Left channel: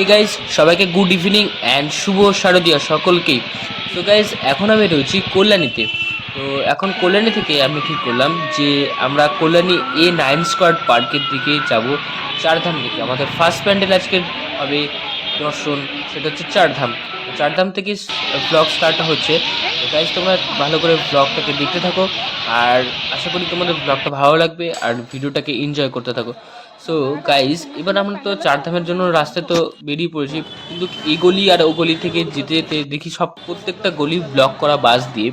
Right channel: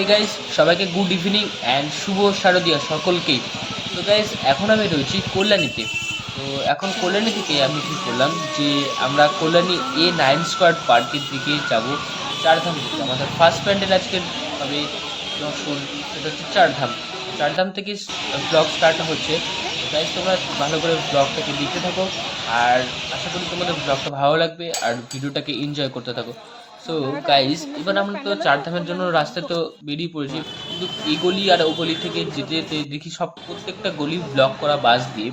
Hey guys, সবাইকে good evening and শুভ শারদীয়া সকলকেই। তো গাইস, এখন আমি রয়েছি কল্যাণীতে। তো এখন কল্যাণী থেকে আমি ঠিক করলাম যে আমরা কল্যাণী A9 স্কোয়ার পার্কের দিকে যাব। চারধাম থেকে আমাদের ফার্স্ট প্যান্ডেল আজকে হবে দর্শন, সেটা হচ্ছে চারধাম। চারধাম থেকে ব্লগ স্টার্ট হচ্ছে। তো গাইস, তোমরা ভালো করে ব্লগটাকে দেখতে থাকো, আর আশা করি তোমাদের ব্লগটা ভালো লাগবে আর ভিডিওটাকে এনজয় করতে থাকো। সো গাইস, এবার আমরা তো চারধামের জন্য রাস্তায় তো বেরিয়ে পড়েছি, কিন্তু এই গলি আর ও গলি থেকে যেতে যেতে দেখি সব প্রত্যেকটা গলি ব্লক করা বাস দিয়ে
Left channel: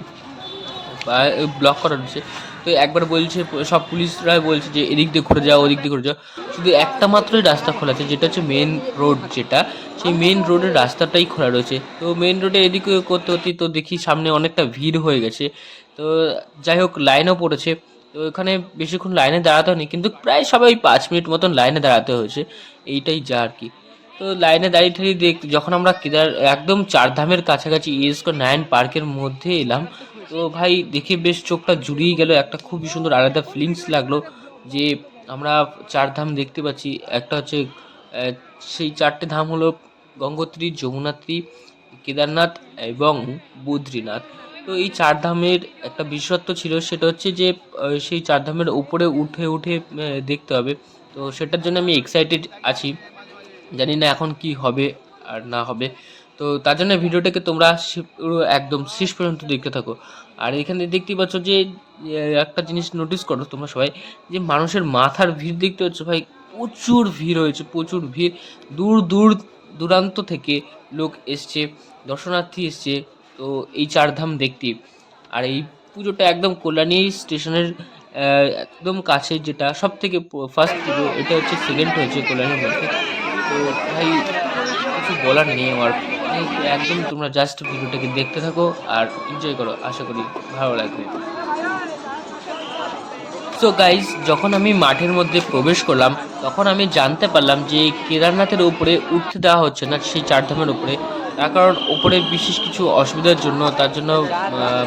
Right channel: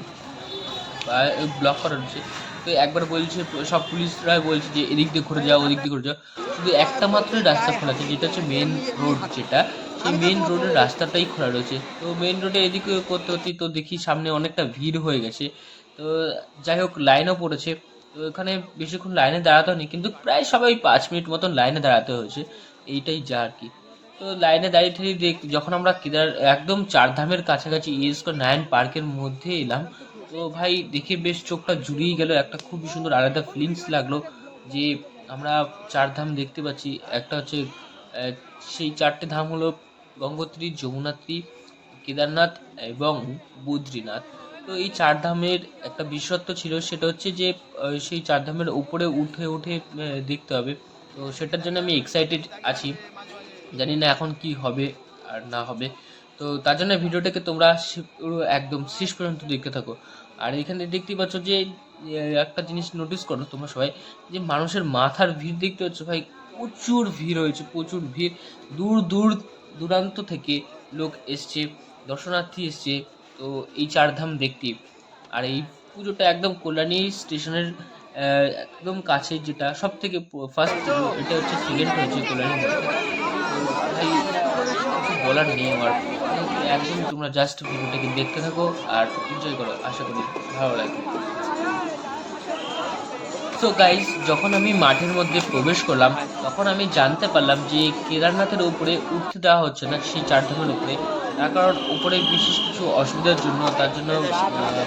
ব্লক করা রয়েছে। তো একবার বলছে, সব পুলিশরা বলছে যে এদিক দিয়ে ঘুরে যাও, ওদিক দিয়ে ঘুরে যাও। শুধু একটা মাত্রই রাস্তা খোলা আছে, যেটা হচ্ছে মেন রোড, যেটা সেই মেন রোডের রাস্তাটাই খোলা রয়েছে। তো মেন রোডে এদিকে করতে হতে তো দেখি সামনে অনেকটা ভিড় হয়ে গেছে। তো যাই হোক, লাইনও পড়েছে। তো এখানে বেশিক্ষণ লাইনে দাঁড়াতে হয়নি, কিন্তু প্রায় সবাই 5 মিনিট মতন লাইনে দাঁড়াতে হয়েছে। এইটাই যা আর কি। তো লাইনে দাঁড়িয়ে ঠাড়িয়ে যখন আমরা একদম চারধামের কাছাকাছি A9 পার্কের মধ্যে এলাম, তো ভাই দেখে বেশ চোখটা জুড়িয়ে গেল। একটা খুবই সুন্দর আলাদা ফিলিংস লাগলো যে আমরা চারধাম দেখতে পাচ্ছি। একটা হচ্ছে আহ, সেই চারটে ধাম হলো গঙ্গোত্রী, যমুনাত্রী, কেদারনাথ এবং বদ্রীনাথ। তো এই চার ধামের একটা বিশেষত্ব ছিল, সেটা হচ্ছে যে সেই চার ধামের উপরে উঠে উঠে দেখতে হবে। তো সেটার জন্য আমি এক্সাইটেড আছি। জানি না এখন কি হবে আর না হবে। তো তার জন্য ভিডিওটাকে তোমরা পুরো একদম শেষ পর্যন্ত দেখতে থাকো। আর এখানে দেখতেই পাচ্ছ যে একটা জিনিস নোটিস করো তোমরা সবাই, যে মানুষের মাথার ভিড় দেখতে পাচ্ছ ভাই। প্রচুর ভিড় হয়েছে, প্রচুর ভিড়। দূর দূর দূরান্ত থেকে লোক এসছে, দর্শনার্থী এসছে। তো এই চারধাম দেখতে। আর এই পুজোটা একদম কল্যাণী স্টেশনের একদম কাছে, যেটা সব থেকে ফার্স্ট পুজো। এটা হচ্ছে সেকেন্ড হয়েছে কল্যাণীর মধ্যে। তো ভাই, কিছু বলার নেই আমার। একদম তোমরা জাস্ট ভিডিওটাকে দেখতে থাকো আর এনজয় করো, আশা করি ভালো লাগবে। সো গাইজ, যখন আমি মাঠের মধ্যে প্রবেশ করলাম, তখন আমি জানতে পারলাম যে কেদারনাথের উপরে উঠতে দেওয়া হচ্ছে না, সেই চারধামের উপরে। তার কারণ উপরে বিশেষ কিছু অসুবিধার জন্য, তার জন্য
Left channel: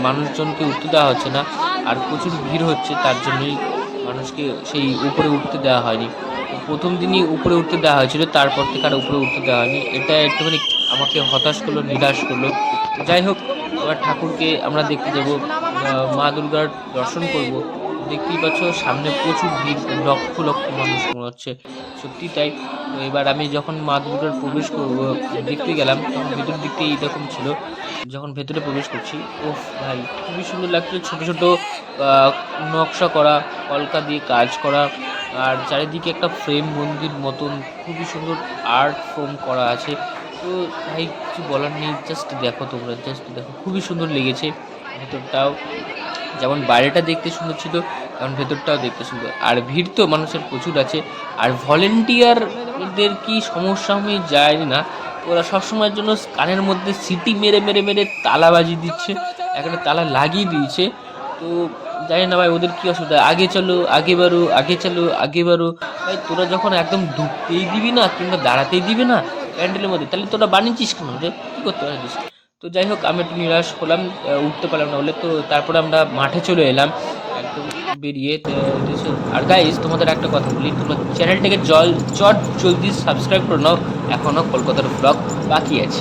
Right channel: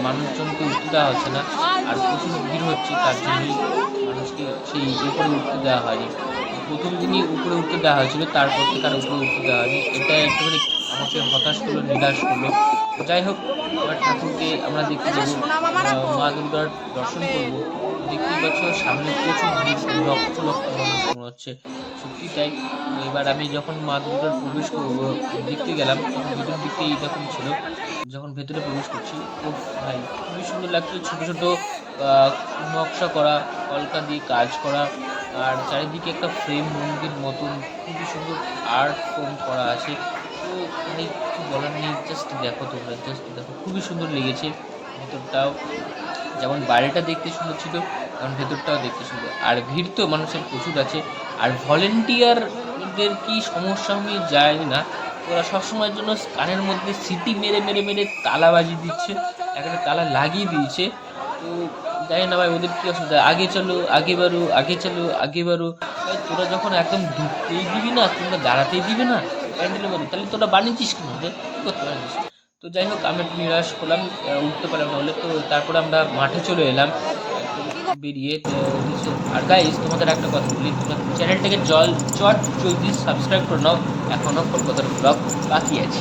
মানুষজনকে উঠতে দেওয়া হচ্ছে না। আর প্রচুর ভিড় হচ্ছে, তার জন্যই মানুষকে সেই উপরে উঠতে দেওয়া হয়নি। প্রথম দিনই উপরে উঠতে দেওয়া হয়েছিল, তারপর থেকে আর উপরে উঠতে দেওয়া হয়নি। এটা একটুখানি আমাকে হতাশ করলো, নিরাশ করলো। যাই হোক, এবার ঠাকুরকে আমরা দেখতে যাবো, মা দুর্গার দর্শন করব। দেখতেই পাচ্ছ সামনে প্রচুর ভিড়, লক্ষ লক্ষ মানুষ মনে হচ্ছে, সত্যি তাই। তো এবার আমি যখন মা দুর্গার প্রবেশ করবো দেখতে গেলাম, তখন ভেতর দিকটা এইরকম ছিল। যখন ভেতরে প্রবেশ করছি, ও ভাই, খুবই সুন্দর লাগছে। ছোট ছোট নকশা করা, কলকা দিয়ে কাজ করা, আর চারিদিকে একটা ফ্রেম মন্দির মতন খুবই সুন্দর আর্ট ফর্ম করা আছে। তো ভাই, কিছু বলার নেই, জাস্ট দেখো, তোমরা জাস্ট দেখো, খুবই সুন্দর লেগেছে। ভেতরটাও যেমন বাইরেটা দেখতে সুন্দর ছিল, তেমন ভেতরটাও দেখতে সুন্দর। আর ভিড় তো মানুষের প্রচুর আছে। আর ভলেন্টিয়ারদের কি সমস্যা আমি জানি না, ওরা সবসময়ের জন্য কানের মধ্যে সিটি মেরে মেরে মেরে তালা বাজিয়ে দিচ্ছে, এখানে তালা লাগিয়ে দিয়েছে। তো জানি না ভাই ওদের কি অসুবিধা। আগে চলো, আগে বাড়ো, আগে চলো, আগে বাড়ো। ভাই, তোরা যখন একদম ঢুকতেই দিবি না, কিংবা দাঁড়াতেই দিবি না প্যান্ডেলের মধ্যে, তাহলে তোরা বানিয়েছিস কেন রে? কী করতে পারিস? তো যাই হোক, আমি একটু নিরাশ হলাম, উঠতে পারলাম না বলে। তো তারপরে আমরা মাঠে চলে এলাম একদম বেরিয়ে। তো আর গাইস, তোমাদের একটা কথা বলি, তোমরা চ্যানেলটাকে চট জলদি সাবস্ক্রাইব করে নাও, এখনও কলকাতার ব্লগ বাকি আছে।